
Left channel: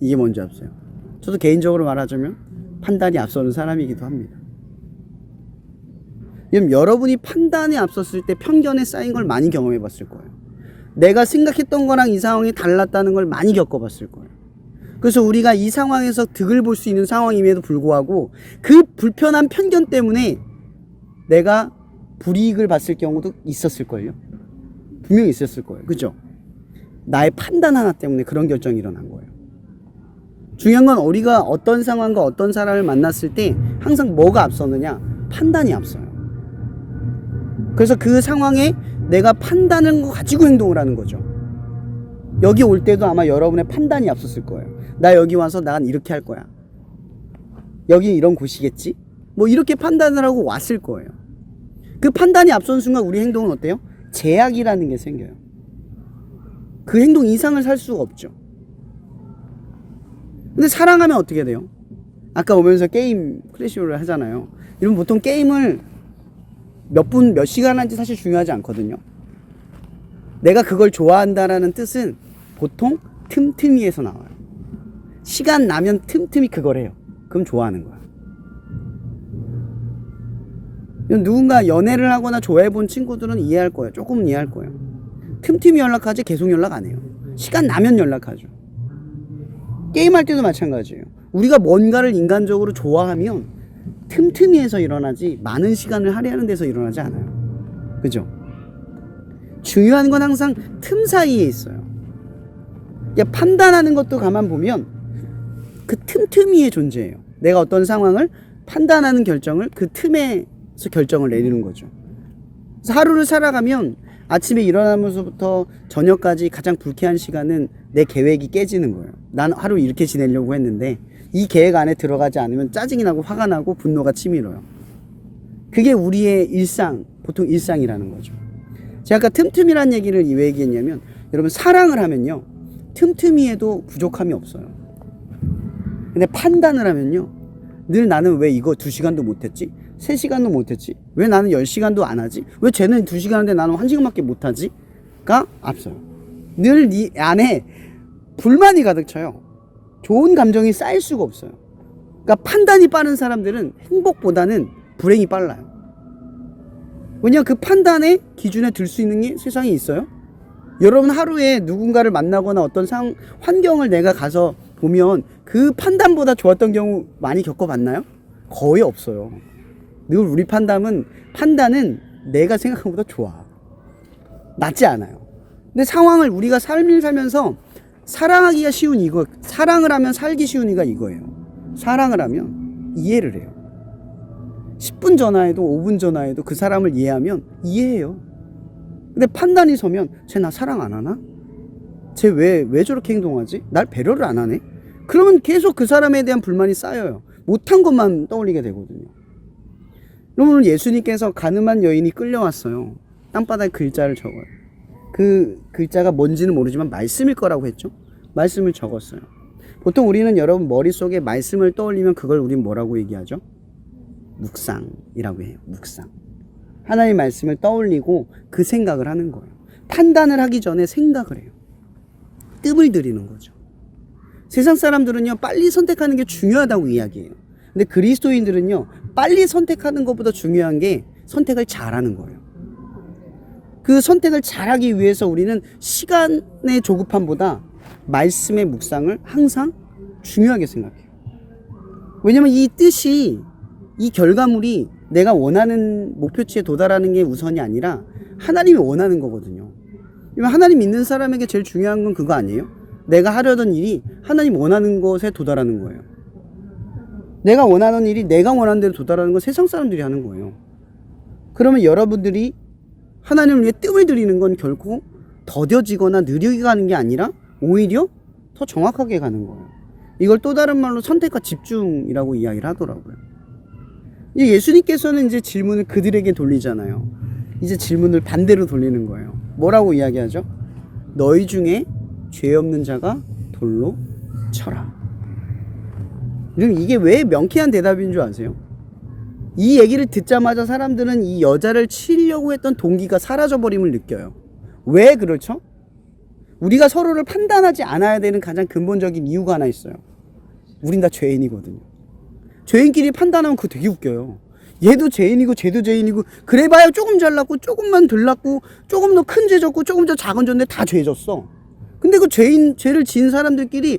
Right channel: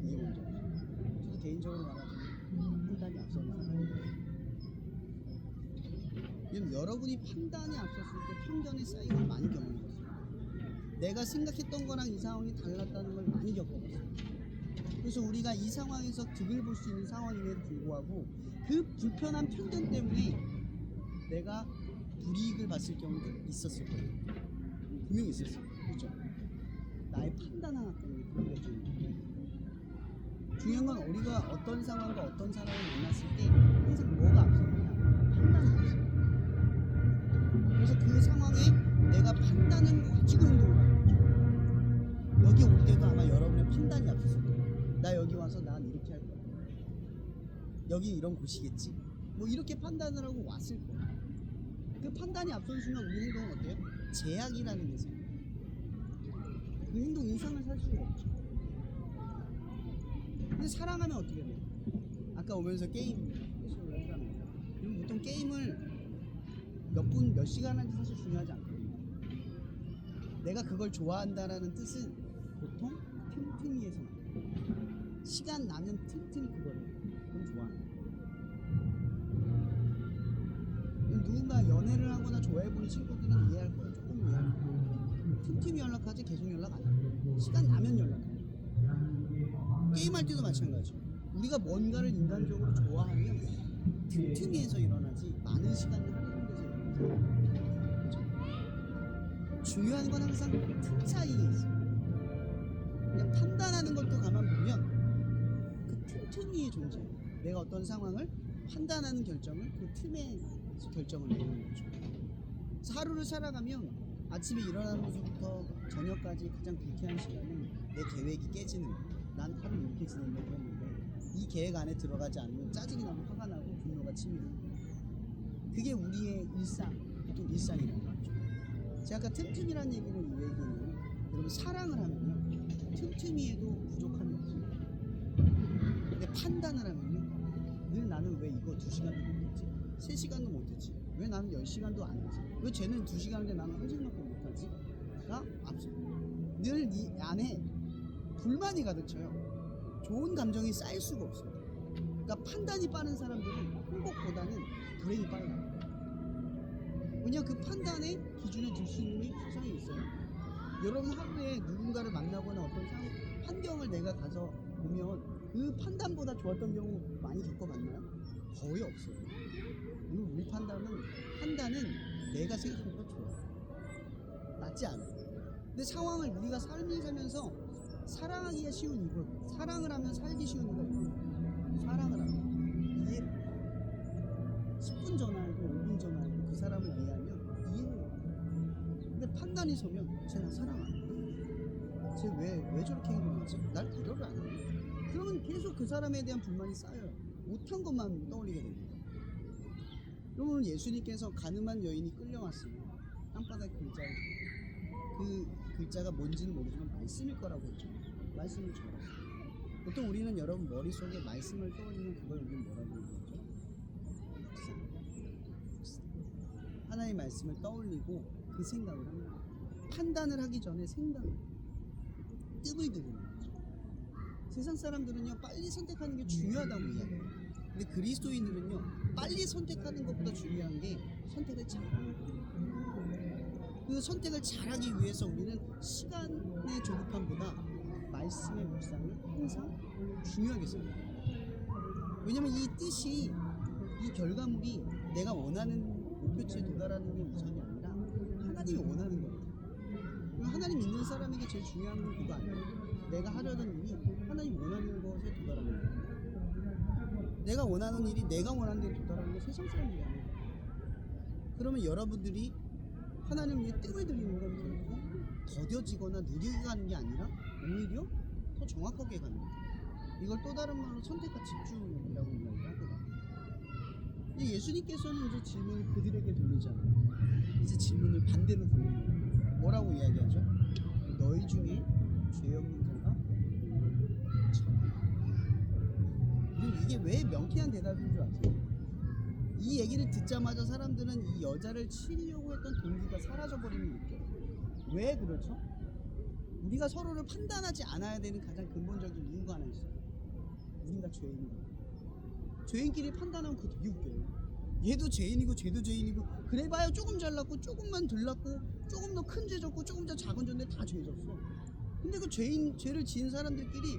이게 먼저 앞서요. 저도 개인적으로 말하자면 판단이 앞서는 사람이기도 합니다. 여러분이 판단에 앞섰을 때 편견에 쌓인 걸 많이 경험해 봤을 거예요. 내가 생각했던 거랑 이 상황이 달랐다는 걸 많이 겪어봤을 거예요. 그래서 우리가 이 상황에서 득을 볼 수 있는 상황임에도 불구하고 그 불편한 편견 때문에 내가 불이익을 봤을 경우도 있었을걸요. 분명히 있었을 거예요. 그죠? 나의 판단 하나 때문에 그런 결정이 일어난 거예요. 중요한 건 우리가 어떤 상황과 어떤 사람을 만났을 때 항상 뭐가 앞서느냐? 판단이 앞서요. 그래서 그 상황에 내가 판단을 가지고 행동을 하는 거죠. 여기 올 때도 아마 여러분의 판단이 앞섰을 거예요. 나 여기 와서 난 이렇게 할 거야. 여기 이런 곳이겠지? 뭐 이렇게 판단을 하고 왔을 거예요. 그 판단이 앞선 순간 우리 행동은 어때요? 제약이라는 게 생겨요. 그 행동 이상을 살 수가 없죠. 근데 사랑하면 어떻게 돼요? 아까 오면서 게임 크래시를 하잖아요. 이러면 보통 게임을 몇 시간 한지 사실 중요하지 않거든요. 내가 그걸 좋아한다라는 뜻은 보통 틈틈이에서 나와요. 시간 나면 틈틈이 그걸 해요. 그럼 좋아하는 거야. 누군가 연애를 하거나 좋아해본 친구들은 이해할 거예요. 조금은 이해할 거예요. 틈틈이 연락하지 계속 연락 안 해요. 시간 나면 연락하죠. 게임할 때도 마찬가지예요. 우리가 뭔가를 인간적으로 좋아하면 틈틈이에서 일어나지 많은 시간을 할애하는 데서 일어나지 않아요. 그죠? 중요한 건 항상 틈 사이에 있어요. 판단하는 것도 가만 보면 그 틈틈이의 존재예요. 내가 어떤 상황을 판단하는 결정을 그 틈에서 결정을 내리는 거죠. 그래서 하루를 살아가면 아침에 일어나면서부터 저녁까지 가장 불쾌한 시간은 내 계획이 깨지는 거예요. 난 하루 이렇게 지내려고 했는데 이 계획 안에 들어가지 않으면 짜증이 나고 화가 나고 분노가 치밀어요. 그게 우리의 일상, 보통 일상이라는 거죠. 제가 아까 틈틈이라는 얘기를 왜 얘기했냐면 여러분 사랑을 하면요 틈틈이 해도 부족함이 없어요. 근데 판단을 하면요 늘 나는 왜 이거 2시간도 못했지? 3시간도 못했지? 왜 나는 10시간도 안 하지? 왜 쟤는 2시간 하는데 나는 1시간밖에 못하지? 가 앞서요. 늘 네 안에 불만이 가득 차요. 좋은 감정이 쌓일 수가 없어요. 그러니까 판단이 빠른 사람들은 행복보다는 불행이 빨라요. 왜냐하면 그 판단의 기준에 들 수 있는 게 세상에 있어요. 여러분 하루에 누군가를 만나거나 어떤 환경을 내가 가서 보면 그 판단보다 좋았던 경우 많이 겪어봤나요? 거의 없어요. 늘 우리 판단은 내가 생각한 것보다 좋아. 낫지 않아요. 근데 상황을 우리가 삶을 살면서 사랑하기가 쉬운 이거, 사랑을 하면 살기 쉬운 이가 이거예요. 사랑을 하면 이해를 해요. 10분 전화해도 5분 전화해도 그 사람을 이해하면 이해해요. 근데 판단이 서면 쟤 나 사랑 안 하나? 쟤 왜 저렇게 행동하지? 날 배려를 안 하네? 그러면 계속 그 사람에 대한 불만이 쌓여요. 못한 것만 떠올리게 되거든요. 여러분 예수님께서 가늠한 여인이 끌려왔어요. 땅바닥에 글자를 적어요. 그 글자가 뭔지는 모르지만 말씀일 거라고 했죠. 말씀을 적었어요. 보통 우리는 여러분 머릿속에 말씀을 떠올리면 그걸 우린 뭐라고 얘기하죠? 묵상이라고 해요. 묵상. 하나님의 말씀을 떠올리고 그 생각을 하는 거예요. 판단을 하기 전에 생각을 해요. 뜸을 들이는 거죠. 세상 사람들은요 빨리 선택하는 게 중요하다고 이야기해요. 근데 그리스도인들은요 빨리 선택하는 것보다 중요한 게 선택을 잘하는 거예요. 그 선택을 잘하기 위해서 우리는 시간의 조급함보다 말씀의 묵상을 항상 중요하게 생각해요. 왜냐면 이 뜻이, 이 결과물이 내가 원하는 목표치에 도달하는 게 우선이 아니라 하나님이 원하는 거거든요. 하나님 믿는 사람에게 제일 중요한 건 그거 아니에요? 내가 하려던 일이 하나님 원하는 것에 도달하는 거예요. 내가 원하는 일이 내가 원하는 대로 도달하는 건 세상 사람들이 하는 거예요. 그러면 여러분들이 하나님을 위해 뜸을 들이는 건 결코 더뎌지거나 느리게 가는 게 아니라 오히려 더 정확하게 가는 거예요. 이걸 또 다른 말로 선택과 집중이라고 이야기를 하더라고요. 이제 예수님께서는 이제 질문을 그들에게 돌리잖아요. 이제 질문을 반대로 돌리는 거예요. 뭐라고 이야기하죠? 너희 중에 죄 없는 자가 돌로 쳐라. 이게 왜 명쾌한 대답인 줄 아세요? 이 얘기를 듣자마자 사람들은 이 여자를 치려고 했던 동기가 사라져버림을 느껴요. 왜 그렇죠? 우리가 서로를 판단하지 않아야 되는 가장 근본적인 이유가 하나 있어요. 우린 다 죄인이거든요. 죄인끼리 판단하면 그거 되게 웃겨요. 얘도 죄인이고 쟤도 죄인이고 그래봐야 조금 잘났고 조금만 덜 났고 조금 더 큰 죄 졌고 조금 더 작은 죄인데 다 죄 졌어. 근데 그 죄를 지은 사람들끼리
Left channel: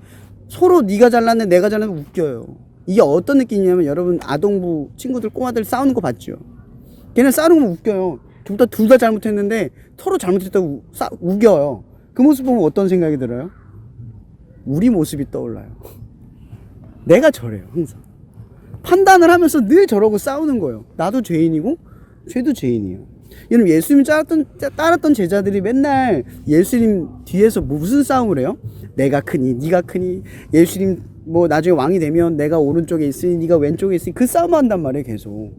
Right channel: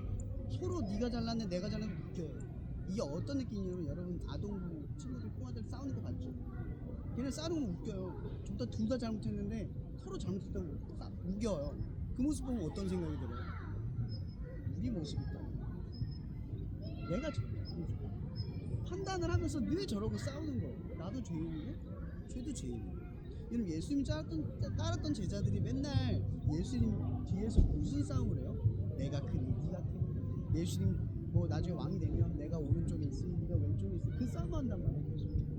서로 네가 잘났네 내가 잘났네 웃겨요. 이게 어떤 느낌이냐면 여러분 아동부 친구들 꼬마들 싸우는 거 봤죠? 걔네 싸우는 거 웃겨요. 둘 다 잘못했는데 서로 잘못했다고 우겨요. 그 모습 보면 어떤 생각이 들어요? 우리 모습이 떠올라요. 내가 저래요 항상. 판단을 하면서 늘 저러고 싸우는 거예요. 나도 죄인이고 쟤도 죄인이에요. 여러분 예수님 따랐던 제자들이 맨날 예수님 뒤에서 무슨 싸움을 해요? 내가 크니 네가 크니 예수님 뭐 나중에 왕이 되면 내가 오른쪽에 있으니 네가 왼쪽에 있으니 그 싸움을 한단 말이에요 계속.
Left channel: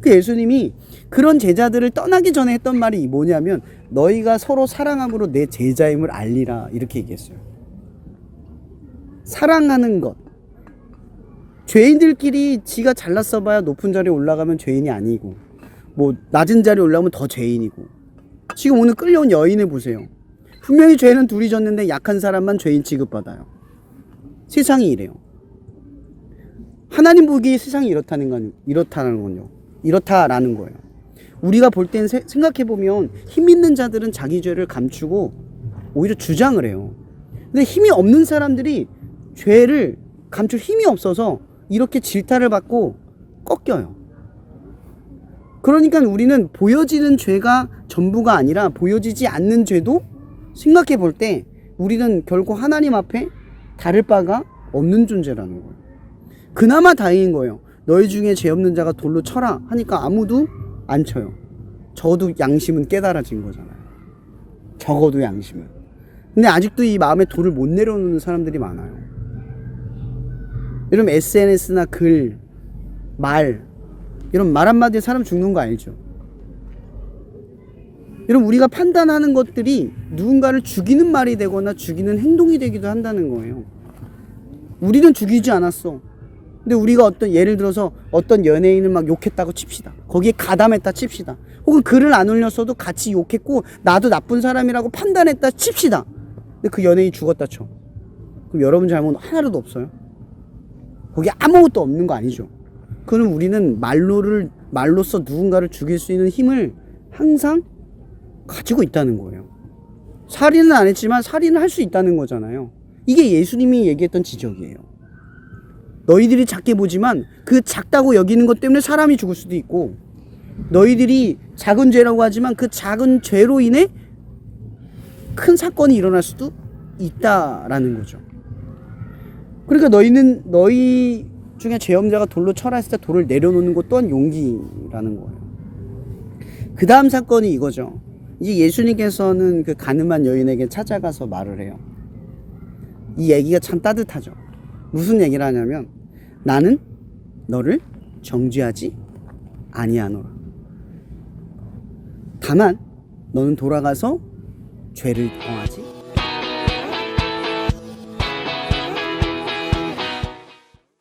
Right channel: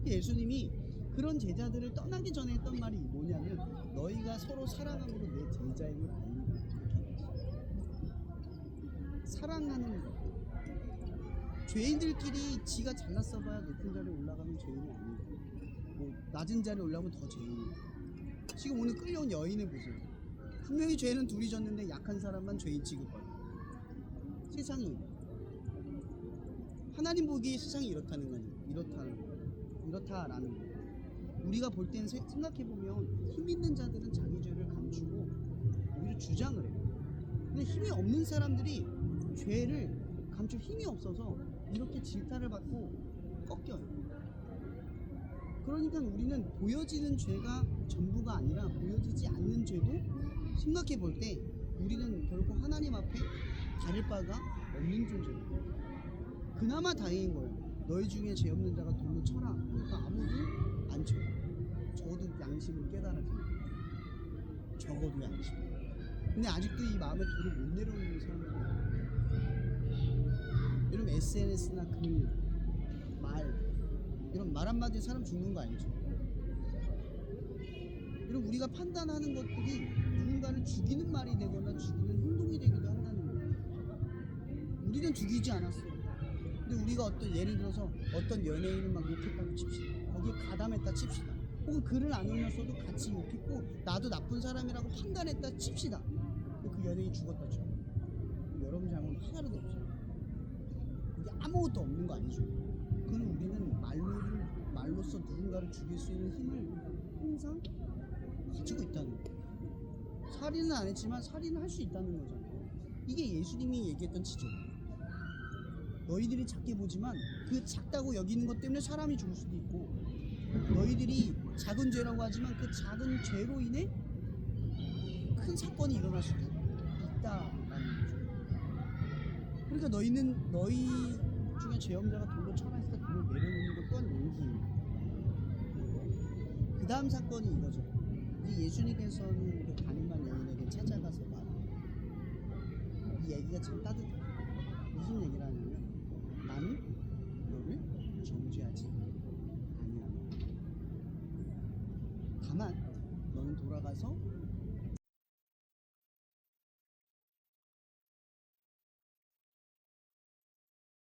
그 예수님이 그런 제자들을 떠나기 전에 했던 말이 뭐냐면 너희가 서로 사랑함으로 내 제자임을 알리라 이렇게 얘기했어요. 사랑하는 것. 죄인들끼리 지가 잘났어 봐야 높은 자리에 올라가면 죄인이 아니고 뭐 낮은 자리에 올라오면 더 죄인이고. 지금 오늘 끌려온 여인을 보세요. 분명히 죄는 둘이 졌는데 약한 사람만 죄인 취급받아요. 세상이 이래요. 하나님 보기에 세상이 이렇다라는 거예요. 우리가 볼 땐 생각해보면 힘 있는 자들은 자기 죄를 감추고 오히려 주장을 해요. 근데 힘이 없는 사람들이 죄를 감출 힘이 없어서 이렇게 질타를 받고 꺾여요. 그러니까 우리는 보여지는 죄가 전부가 아니라 보여지지 않는 죄도 생각해 볼 때 우리는 결코 하나님 앞에 다를 바가 없는 존재라는 거예요. 그나마 다행인 거예요. 너희 중에 죄 없는 자가 돌로 쳐라 하니까 아무도 안 쳐요. 적어도 양심은 깨달아진 거잖아요. 적어도 양심은. 근데 아직도 이 마음에 돌을 못 내려놓는 사람들이 많아요. 여러분 SNS나 글, 말 이런 말 한마디에 사람 죽는 거 알죠? 여러분 우리가 판단하는 것들이 누군가를 죽이는 말이 되거나 죽이는 행동이 되기도 한다는 거예요. 우리는 죽이지 않았어. 근데 우리가 어떤 예를 들어서 어떤 연예인을 막 욕했다고 칩시다. 거기에 가담했다 칩시다. 혹은 글을 안 올렸어도 같이 욕했고 나도 나쁜 사람이라고 판단했다 칩시다. 근데 그 연예인이 죽었다 쳐. 그럼 여러분 잘못 하나도 없어요? 거기에 아무것도 없는 거 아니죠. 그럼 우리는 말로써 누군가를 죽일 수 있는 힘을 항상 가지고 있다는 거예요. 살인은 안 했지만 살인을 할 수 있다는 거잖아요. 이게 예수님이 얘기했던 지적이에요. 너희들이 작게 보지만 그 작다고 여기는 것 때문에 사람이 죽을 수도 있고, 너희들이 작은 죄라고 하지만 그 작은 죄로 인해 큰 사건이 일어날 수도 있다라는 거죠. 그러니까 너희 중에 죄 없는 자가 돌로 쳐라 했을 때 돌을 내려놓는 것 또한 용기라는 거예요. 그 다음 사건이 이거죠. 이제 예수님께서는 그 가늠한 여인에게 찾아가서 말을 해요. 이 얘기가 참 따뜻하죠. 무슨 얘기를 하냐면, 나는 너를 정죄하지 아니하노라. 다만 너는 돌아가서 죄를 범하지